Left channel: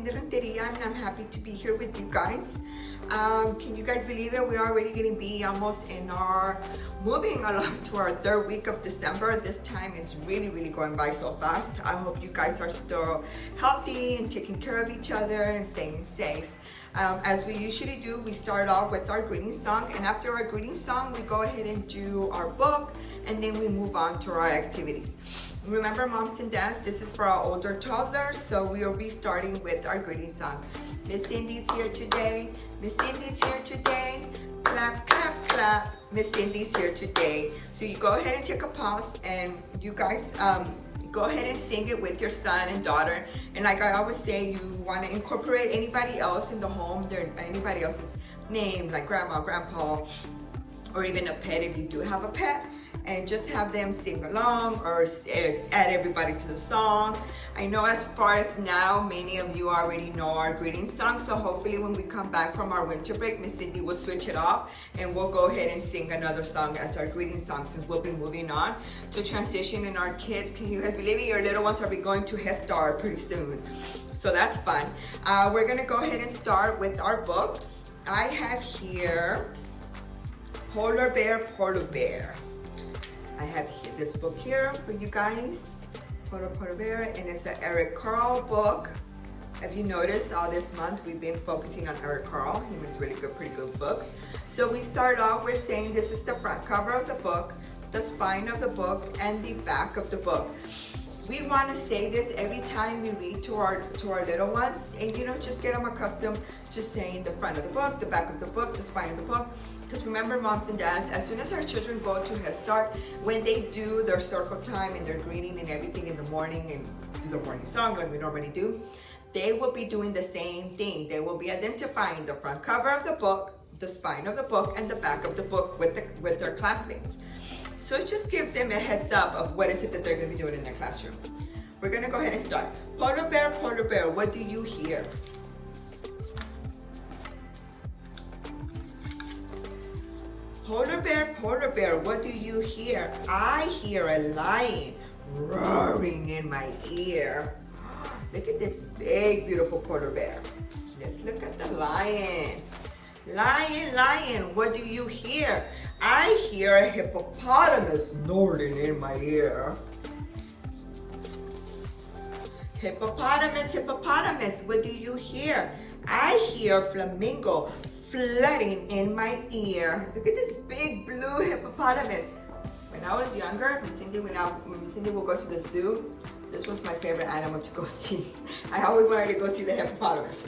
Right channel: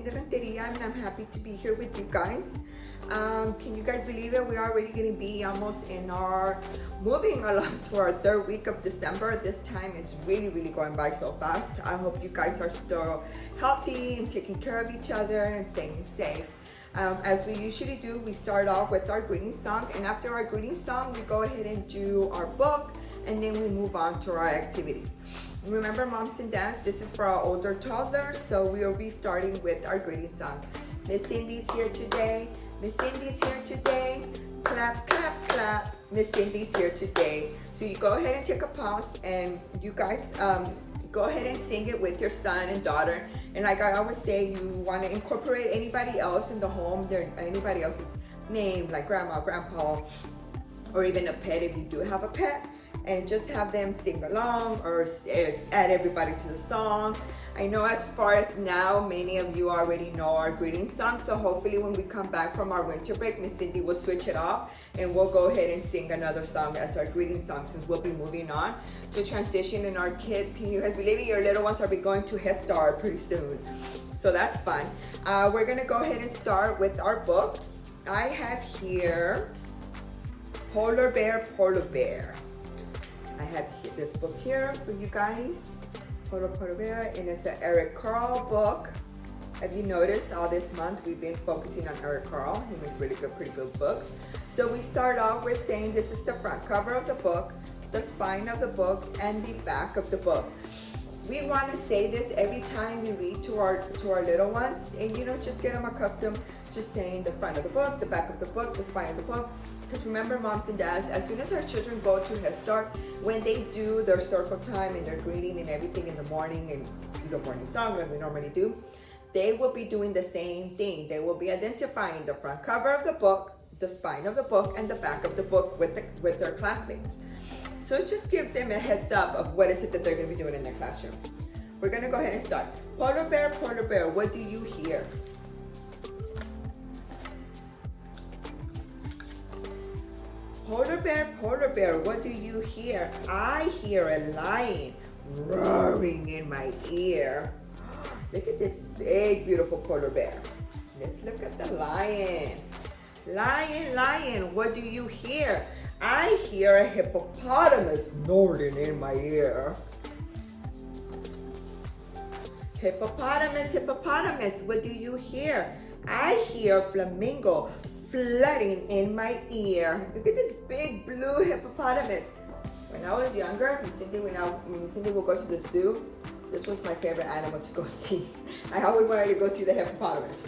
Cindy Renteria, and I'm happy to be here with you guys. Can you guys believe it? We're already going to be almost moving along to our third week of December. This time is really going by so fast. I hope you guys are still healthy and taking care of each other and staying safe. As we usually do, we start off with our greeting song, and after our greeting song, we go ahead and do our book, and then we move on to our activities. Remember, moms and dads, this is for our older toddlers, so we will be starting with our greeting song. Miss Cindy's here today. Miss Cindy's here today. Clap, clap, clap. Miss Cindy's here today. So you go ahead and take a pause, and you guys go ahead and sing it with your son and daughter. And like I always say, you want to incorporate anybody else in the home, anybody else's name, like grandma, grandpa, or even a pet if you do have a pet, and just have them sing along or add everybody to the song. I know as far as now, many of you already know our greeting song, so hopefully when we come back from our winter break, Miss Cindy will switch it off and we'll go ahead and sing another song as our greeting song, since we'll be moving on to transition in our kids. Can you guys believe it? Your little ones will be going to Head Start pretty soon, so that's fun. We're gonna go ahead and start with our book. I have here Polar Bear, Polar Bear. I have this book here for you guys, Polar Bear, and it's an Eric Carle book. Have you noticed all this month we've been focusing on Eric Carle? He makes pretty good books. So we start off with saying this is the front cover of the book, the spine of the book, and the back of the book. We want to say this every time we read to our little ones, and just get them accustomed to saying the front of the book, the back of the book, the spine of the book. Because remember, moms and dads, as soon as our children go to Head Start, when they do their circle time and their greeting and everything in the morning and do the morning song like we normally do, they will be doing the same thing. They will be identifying the front cover of the book, the spine of the book, and the back of the book with their classmates. So it just gives them a heads up of what is it that they're going to be doing in their classroom. We're going to go ahead and start. Polar bear, what do you hear? Polar bear, what do you hear? I hear a lion roaring in my ear. Look at this big, beautiful polar bear. Let's look at the lion. Lion, what do you hear? I hear a hippopotamus snorting in my ear. Hippopotamus, what do you hear? I hear a flamingo flooding in my ear. Look at this big blue hippopotamus. When I was younger, Miss Cindy would go to the zoo. This was my favorite animal to go see. I always wanted to go see the hippopotamus.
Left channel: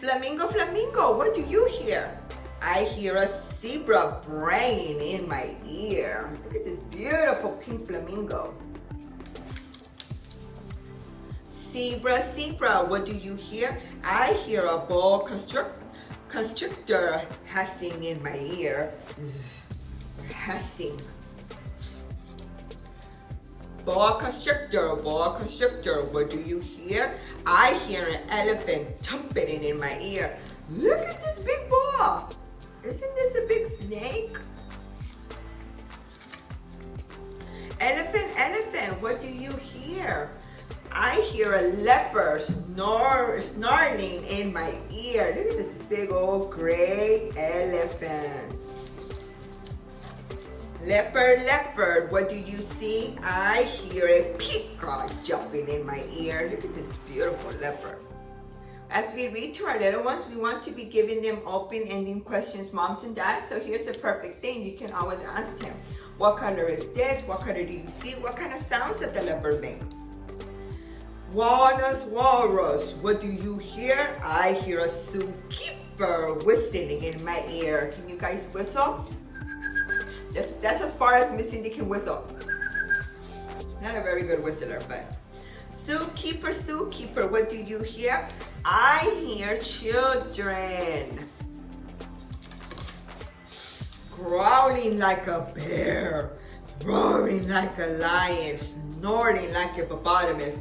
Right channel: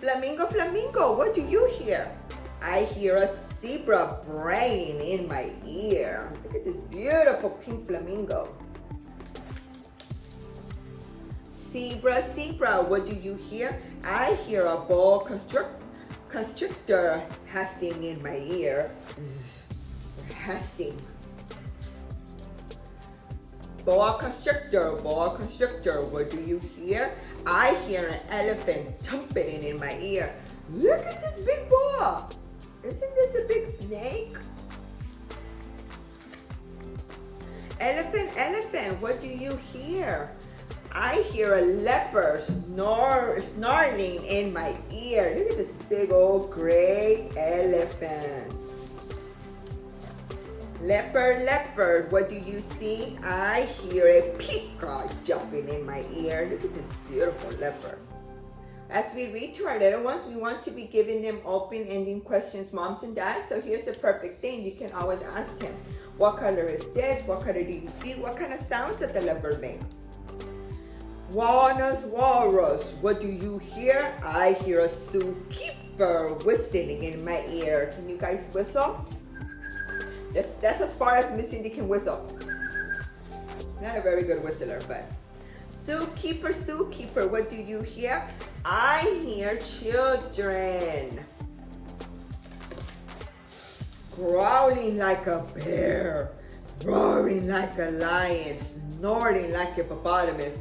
Flamingo, what do you hear? I hear a zebra braying in my ear. Look at this beautiful pink flamingo. Zebra, what do you hear? I hear a boa constrictor hissing in my ear. Hissing. Boa constrictor, what do you hear? I hear an elephant trumpeting in my ear. Look at this big boa. Isn't this a big snake? Elephant, what do you hear? I hear a leopard snarling in my ear. Look at this big old gray elephant. Leopard, what do you see? I hear a peacock jumping in my ear. Look at this beautiful leopard. As we read to our little ones, we want to be giving them open-ending questions, moms and dads. So here's a perfect thing. You can always ask him, what color is this? What color do you see? What kind of sounds does the leopard make? Walrus, what do you hear? I hear a zookeeper whistling in my ear. Can you guys whistle? That's as far as Miss Cindy can whistle. Not a very good whistler, but. Zookeeper, what do you hear? I hear children. Growling like a bear, roaring like a lion, snorting like a hippopotamus,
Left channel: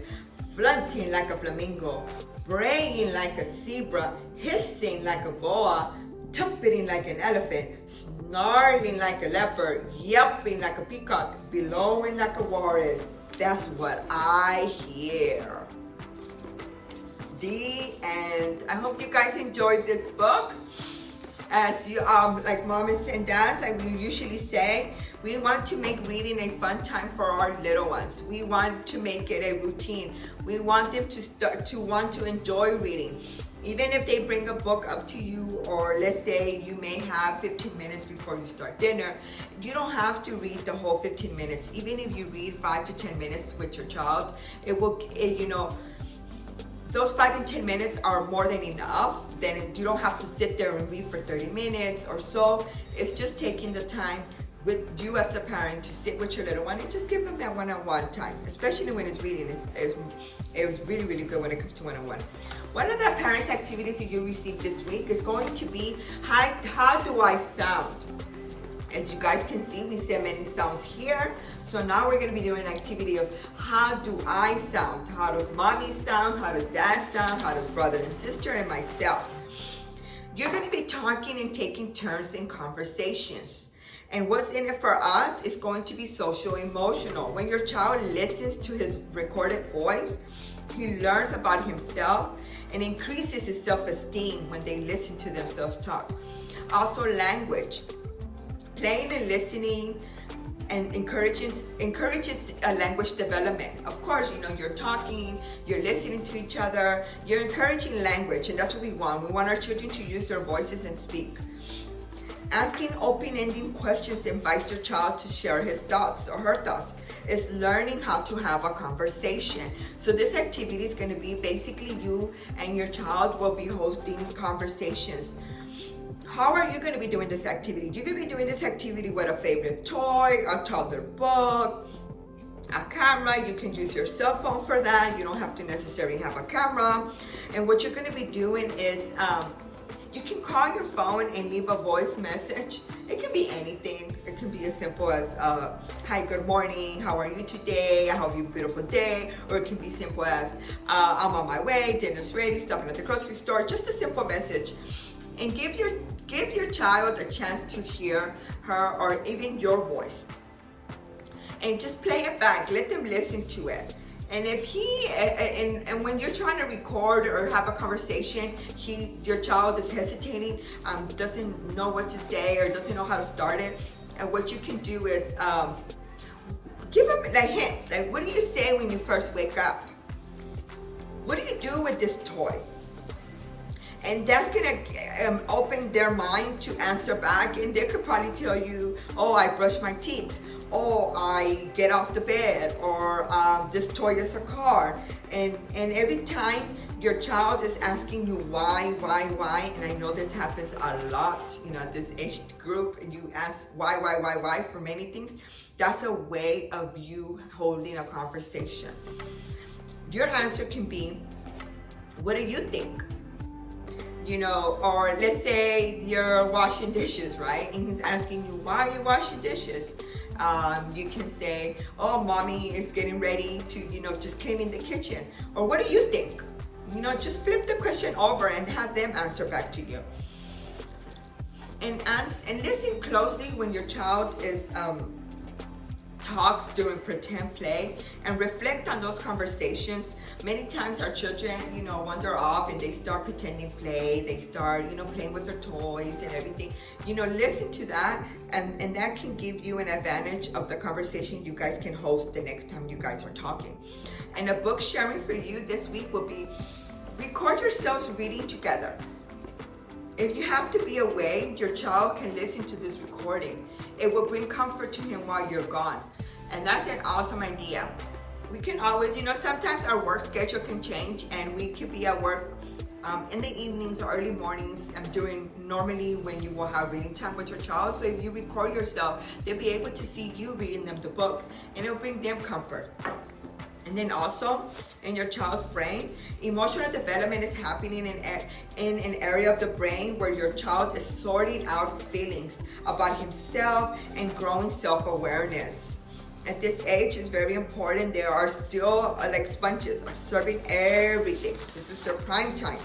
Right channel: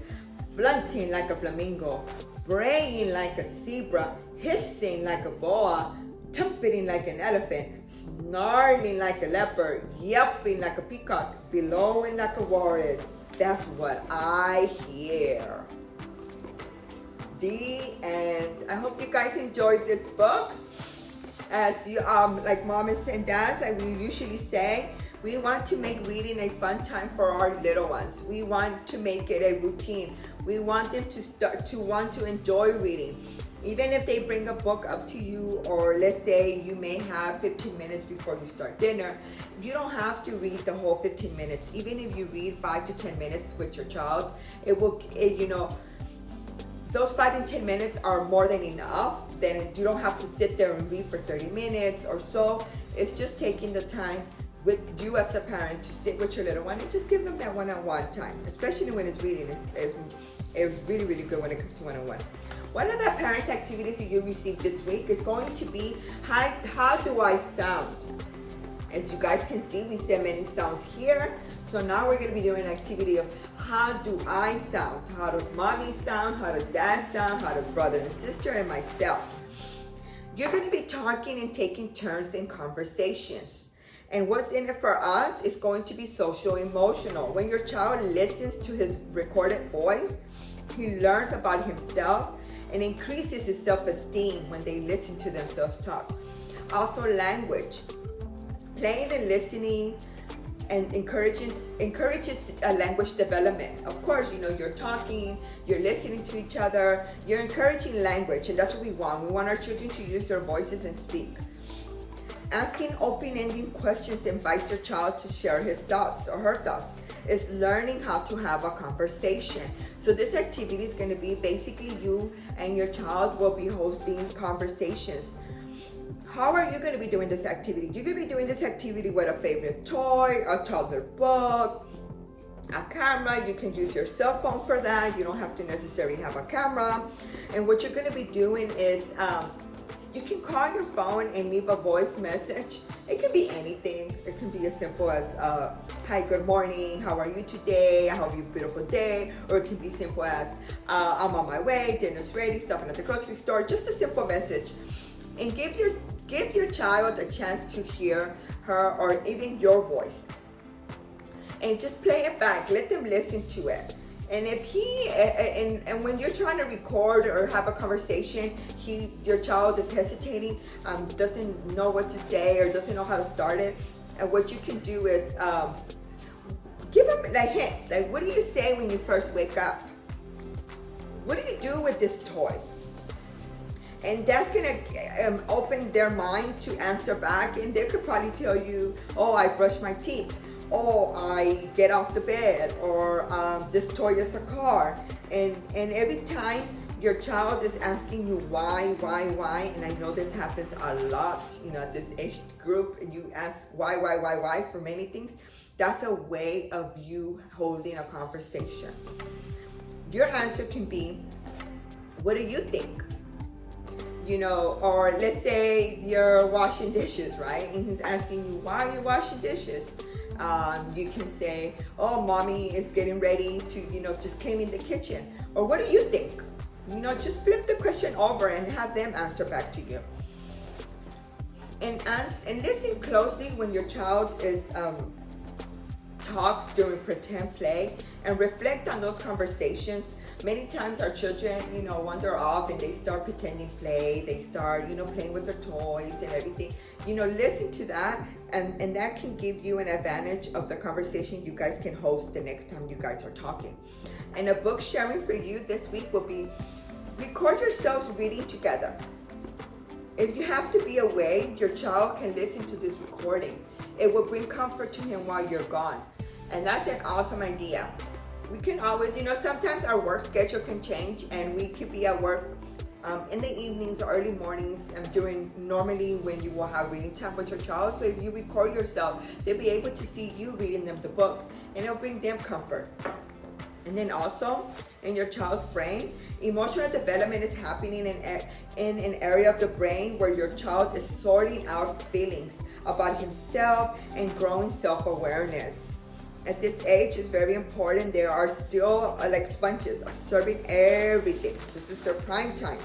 flaunting like a flamingo, braying like a zebra, hissing like a boa, trumpeting like an elephant, snarling like a leopard, yelping like a peacock, bellowing like a walrus. That's what I hear. D. And I hope you guys enjoyed this book. As you like moms and dads, like we usually say, we want to make reading a fun time for our little ones. We want to make it a routine. We want them to want to enjoy reading. Even if they bring a book up to you, or let's say you may have 15 minutes before you start dinner, you don't have to read the whole 15 minutes. Even if you read 5 to 10 minutes with your child, those 5 and 10 minutes are more than enough. Then you don't have to sit there and read for 30 minutes or so. It's just taking the time with you as a parent to sit with your little one and just give them that one-on-one time, especially when it's reading. It's really, really good when it comes to one-on-one. One of the parent activities that you received this week is going to be, how do I sound? As you guys can see, we said many sounds here. So now we're gonna be doing an activity of how do I sound? How does mommy sound? How does dad sound? How does brother and sister and myself? You're gonna be talking and taking turns in conversations. And what's in it for us is going to be social emotional. When your child listens to his recorded voice, he learns about himself and increases his self-esteem when they listen to themselves talk. Also language. Playing and listening and encourages language development. Of course, you're talking, you're listening to each other, you're encouraging language, and that's what we want. We want our children to use their voices and speak. Asking open-ended questions invites your child to share his thoughts or her thoughts. It's learning how to have a conversation. So this activity is going to be basically you and your child will be hosting conversations. How are you going to be doing this activity? You're going to be doing this activity with a favorite toy, a toddler book, a camera. You can use your cell phone for that. You don't have to necessarily have a camera. And what you're going to be doing is you can call your phone and leave a voice message. It can be anything. It can be as simple as, hi, good morning, how are you today? I hope you have a beautiful day. Or it can be simple as, I'm on my way, dinner's ready, stopping at the grocery store. Just a simple message. And give your child a chance to hear her or even your voice. And just play it back. Let them listen to it. And if and when you're trying to record or have a conversation, your child is hesitating, doesn't know what to say or doesn't know how to start it, and what you can do is give them like hints. Like, what do you say when you first wake up? What do you do with this toy? And that's gonna open their mind to answer back, and they could probably tell you, oh, I brush my teeth. Oh, I get off the bed, or this toy is a car. And every time your child is asking you why, and I know this happens a lot, at this age group, and you ask why for many things, that's a way of you holding a conversation. Your answer can be, what do you think? Or let's say you're washing dishes, right? And he's asking you, why are you washing dishes? You can say, oh, mommy is getting ready to, just cleaning the kitchen. Or what do you think? Just flip the question over and have them answer back to you. And listen closely when your child talks during pretend play, and reflect on those conversations. Many times our children, wander off and they start pretending play. They start, playing with their toys and everything. Listen to that, and that can give you an advantage of the conversation you guys can host the next time you guys are talking. And a book sharing for you this week will be, record yourselves reading together. If you have to be away, your child can listen to this recording. It will bring comfort to him while you're gone. And that's an awesome idea. We can always, sometimes our work schedule can change, and we could be at work in the evenings or early mornings normally when you will have reading time with your child. So if you record yourself, they'll be able to see you reading them the book, and it'll bring them comfort. And then also in your child's brain, emotional development is happening in an area of the brain where your child is sorting out feelings about himself and growing self-awareness. At this age, it's very important. They are still like sponges, absorbing everything. This is their prime time.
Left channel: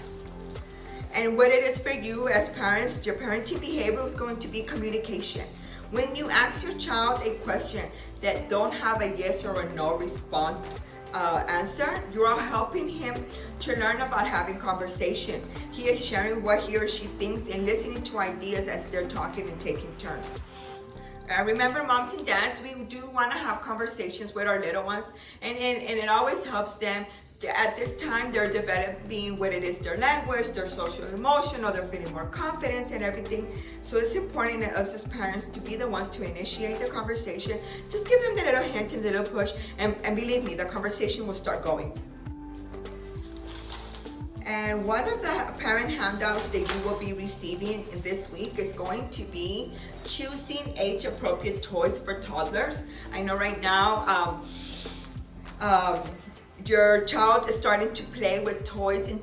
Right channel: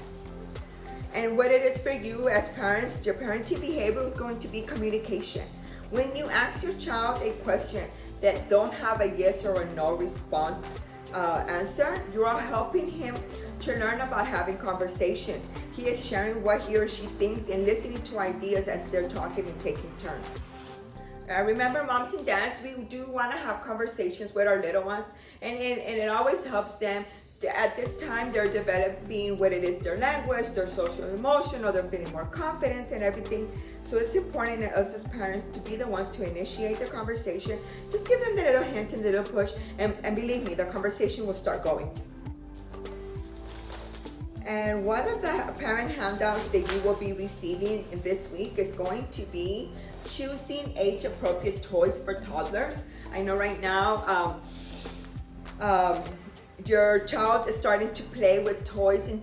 And what it is for you as parents, your parenting behavior is going to be communication. When you ask your child a question that don't have a yes or a no response, answer, you are helping him to learn about having conversation. He is sharing what he or she thinks and listening to ideas as they're talking and taking turns. Remember, moms and dads, we do want to have conversations with our little ones, and it always helps them. At this time, they're developing what it is, their language, their social emotion, or they're feeling more confidence and everything. So it's important that us as parents to be the ones to initiate the conversation. Just give them the little hint and the little push, and believe me, the conversation will start going. And one of the parent handouts that you will be receiving in this week is going to be choosing age-appropriate toys for toddlers. I know right now, your child is starting to play with toys in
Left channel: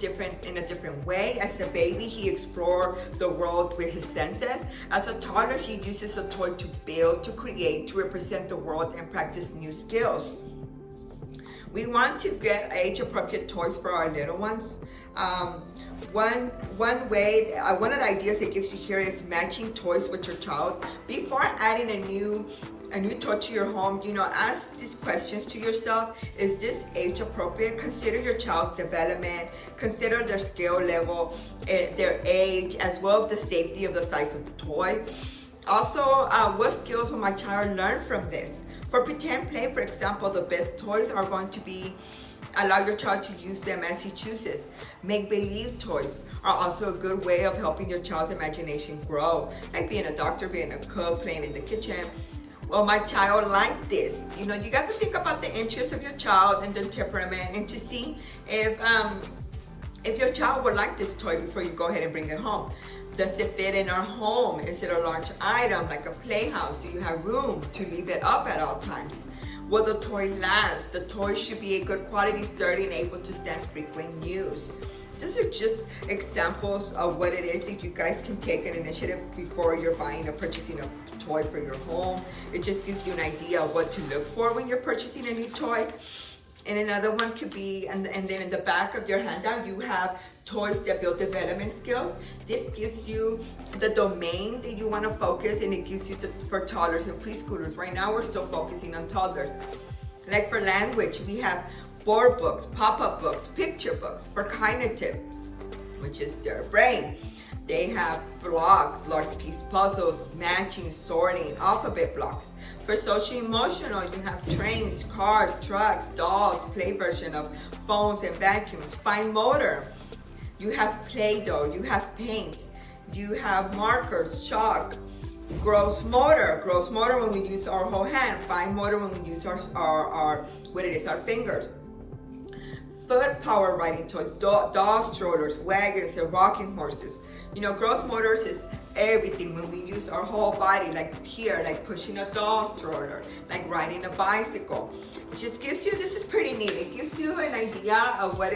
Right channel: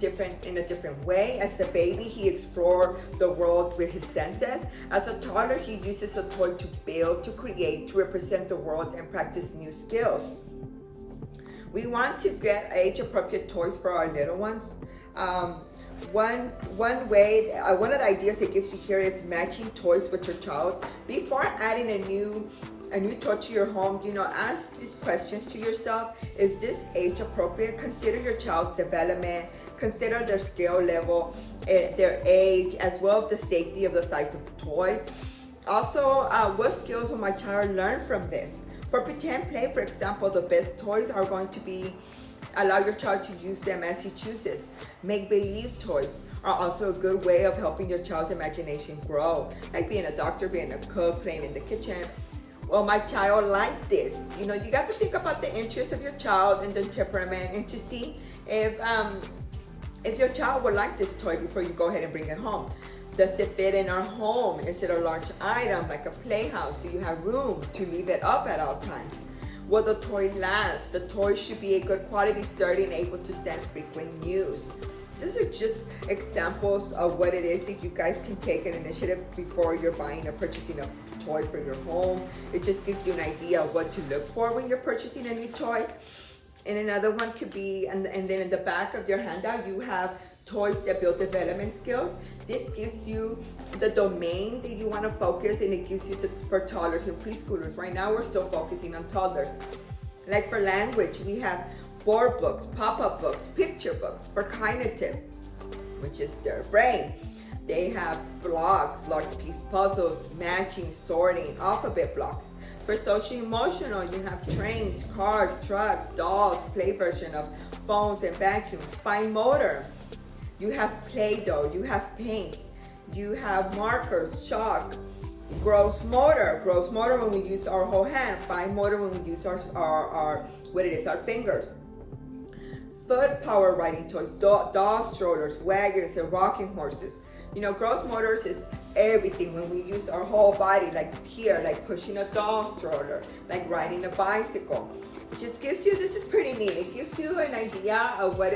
a different way. As a baby, he explores the world with his senses. As a toddler, he uses a toy to build, to create, to represent the world and practice new skills. We want to get age-appropriate toys for our little ones. One of the ideas it gives you here is matching toys with your child. Before adding a new toy to your home, ask these questions to yourself. Is this age appropriate? Consider your child's development, consider their skill level, their age, as well as the safety of the size of the toy. Also, what skills will my child learn from this? For pretend play, for example, the best toys are going to be allow your child to use them as he chooses. Make-believe toys are also a good way of helping your child's imagination grow, like being a doctor, being a cook, playing in the kitchen. Well, my child liked this. You got to think about the interests of your child and the temperament, and to see if your child would like this toy before you go ahead and bring it home. Does it fit in our home? Is it a large item like a playhouse? Do you have room to leave it up at all times? Will the toy last? The toy should be a good quality, sturdy, and able to stand frequent use. These are just examples of what it is that you guys can take an initiative before you're buying or purchasing a toy for your home. It just gives you an idea of what to look for when you're purchasing a new toy. And another one could be, and then in the back of your handout, you have toys that build development skills. This gives you the domain that you want to focus, and it gives you for toddlers and preschoolers. Right now, we're still focusing on toddlers. Like for language, we have board books, pop-up books, picture books. For cognitive, which is their brain, they have blocks, large piece puzzles, matching, sorting, alphabet blocks. For social emotional, you have trains, cars, trucks, dolls, play version of phones and vacuums. Fine motor, you have Play-Doh, you have paint, you have markers, chalk. Gross motor when we use our whole hand. Fine motor when we use our fingers. Foot power riding toys, doll strollers, wagons, and rocking horses. Gross motors is everything when we use our whole body, like here, like pushing a doll stroller, like riding a bicycle. It just gives you, this is pretty neat. It gives you an idea of what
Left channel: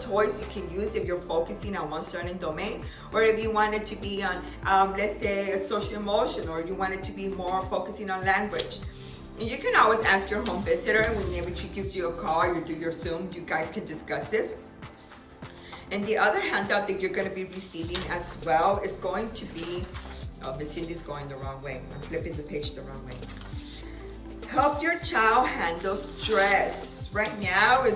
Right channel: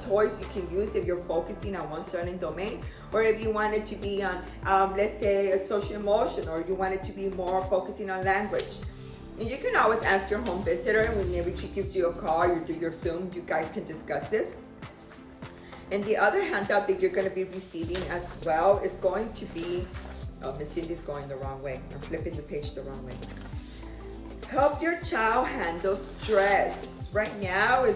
toys you can use if you're focusing on one certain domain, or if you want it to be on, let's say, a social emotion, or you want it to be more focusing on language. And you can always ask your home visitor, and whenever she gives you a call, you do your Zoom, you guys can discuss this. And the other handout that you're going to be receiving as well is going to be, Miss Cindy's going the wrong way. I'm flipping the page the wrong way. Help your child handle stress. Right now,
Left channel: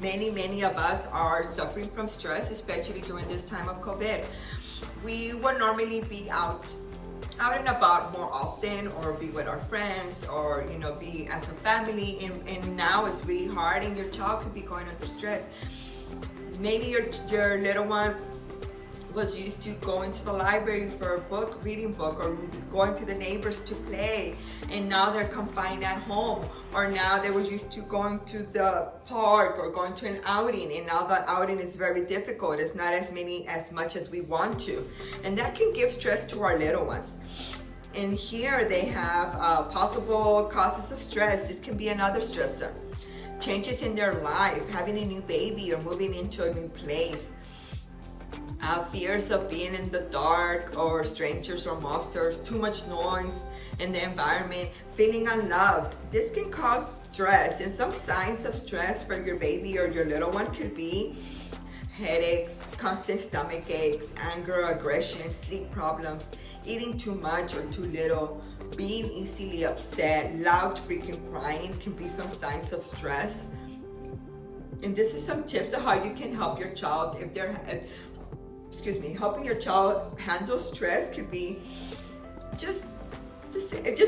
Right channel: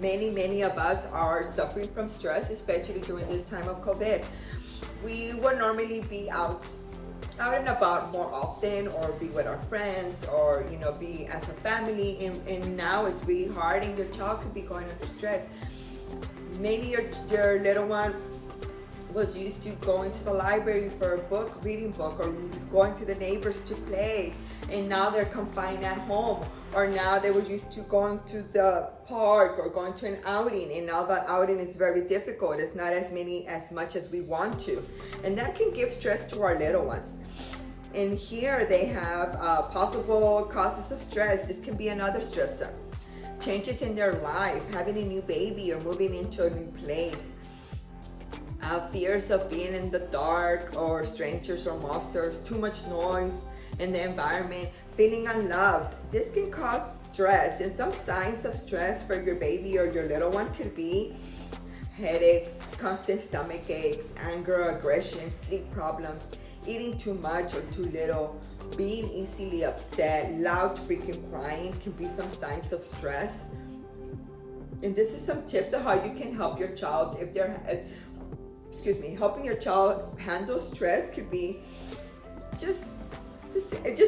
many of us are suffering from stress, especially during this time of COVID. We would normally be out and about more often, or be with our friends, or be as a family, and now it's really hard, and your child could be going under stress. Maybe your little one was used to going to the library for a reading book, or going to the neighbors to play, and now they're confined at home. Or now they were used to going to the park or going to an outing, and now that outing is very difficult. It's not as much as we want to, and that can give stress to our little ones. And here they have possible causes of stress. This can be another stressor. Changes in their life, having a new baby or moving into a new place. Fears of being in the dark, or strangers or monsters, too much noise in the environment, feeling unloved. This can cause stress, and some signs of stress for your baby or your little one could be headaches, constant stomach aches, anger, aggression, sleep problems, eating too much or too little, being easily upset, loud freaking crying can be some signs of stress. And this is some tips of how you can help your child if they're, helping your child handle stress could be just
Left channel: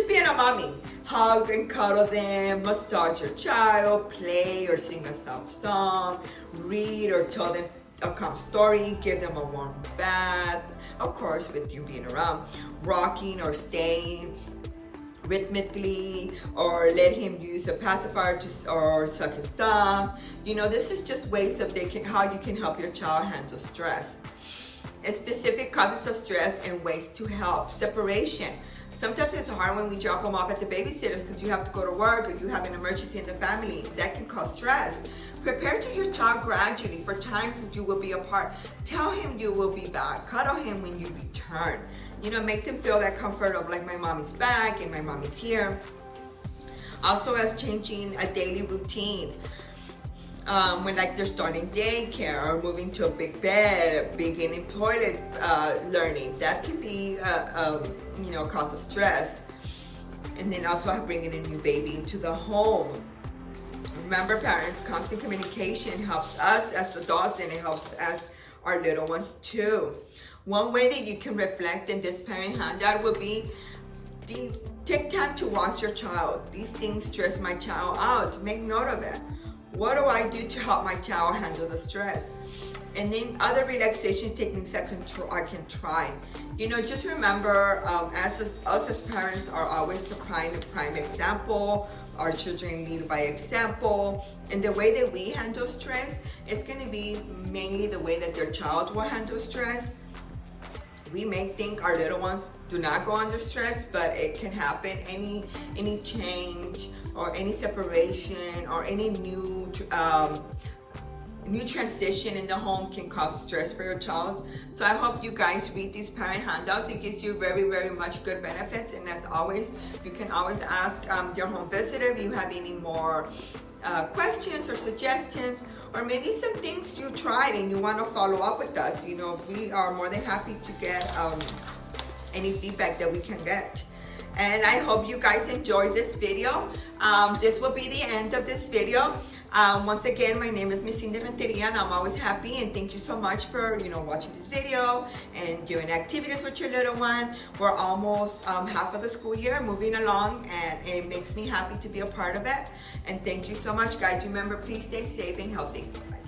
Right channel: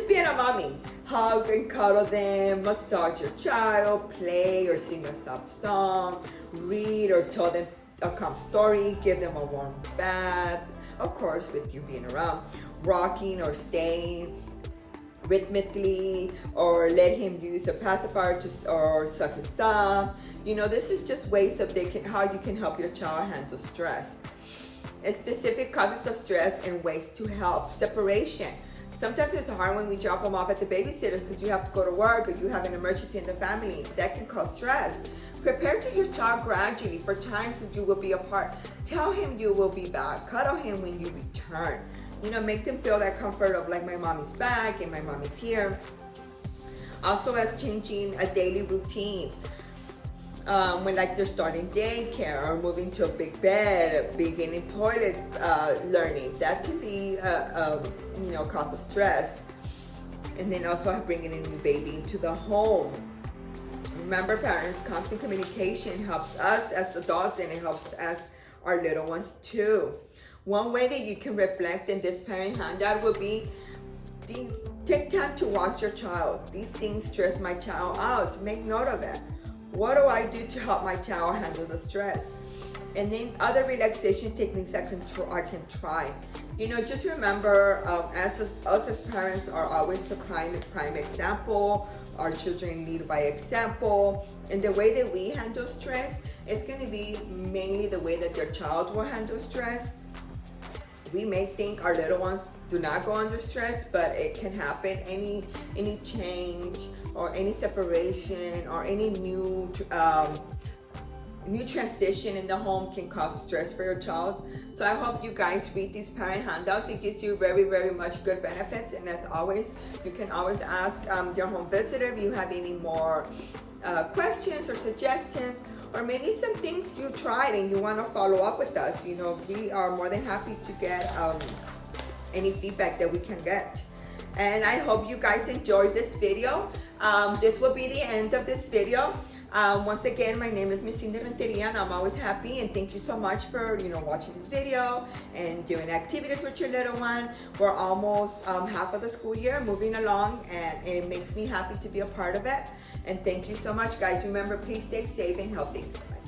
being a mommy. Hug and cuddle them, massage your child, play or sing a soft song, read or tell them a calm story, give them a warm bath, of course with you being around, rocking or staying rhythmically, or let him use a pacifier or suck his thumb. This is just ways of how you can help your child handle stress. And specific causes of stress and ways to help. Separation. Sometimes it's hard when we drop them off at the babysitters because you have to go to work or you have an emergency in the family. That can cause stress. Prepare to your child gradually for times that you will be apart. Tell him you will be back. Cuddle him when you return. Make them feel that comfort of like my mommy's back and my mommy's here. Also, as changing a daily routine. When like they're starting daycare or moving to a big bed, beginning toilet learning, that can be a cause of stress. And then also bringing a new baby into the home. Remember, parents, constant communication helps us as adults and it helps us our little ones too. One way that you can reflect in this parent handout will be take time to watch your child. These things stress my child out. Make note of it. What do I do to help my child handle the stress? And then other relaxation techniques I can try. Just remember, us as parents are always the prime example. Our children lead by example. And the way that we handle stress is going to be mainly the way that your child will handle stress. We may think our little ones do not go under stress, but it can happen. Any change or any separation or any new transition in the home can cause stress for your child. So I hope you guys read these parent handouts. It gives you very, very much good benefits. And as always, you can always ask your home visitor if you have any more questions or suggestions, or maybe some things you tried and you want to follow up with us. We are more than happy to get any feedback that we can get. And I hope you guys enjoyed this video. This will be the end of this video. Once again, my name is Miss Cindy Renteria, and I'm always happy, and thank you so much for watching this video and doing activities with your little one. We're almost half of the school year, moving along, and it makes me happy to be a part of it. And thank you so much, guys. Remember, please stay safe and healthy. Bye.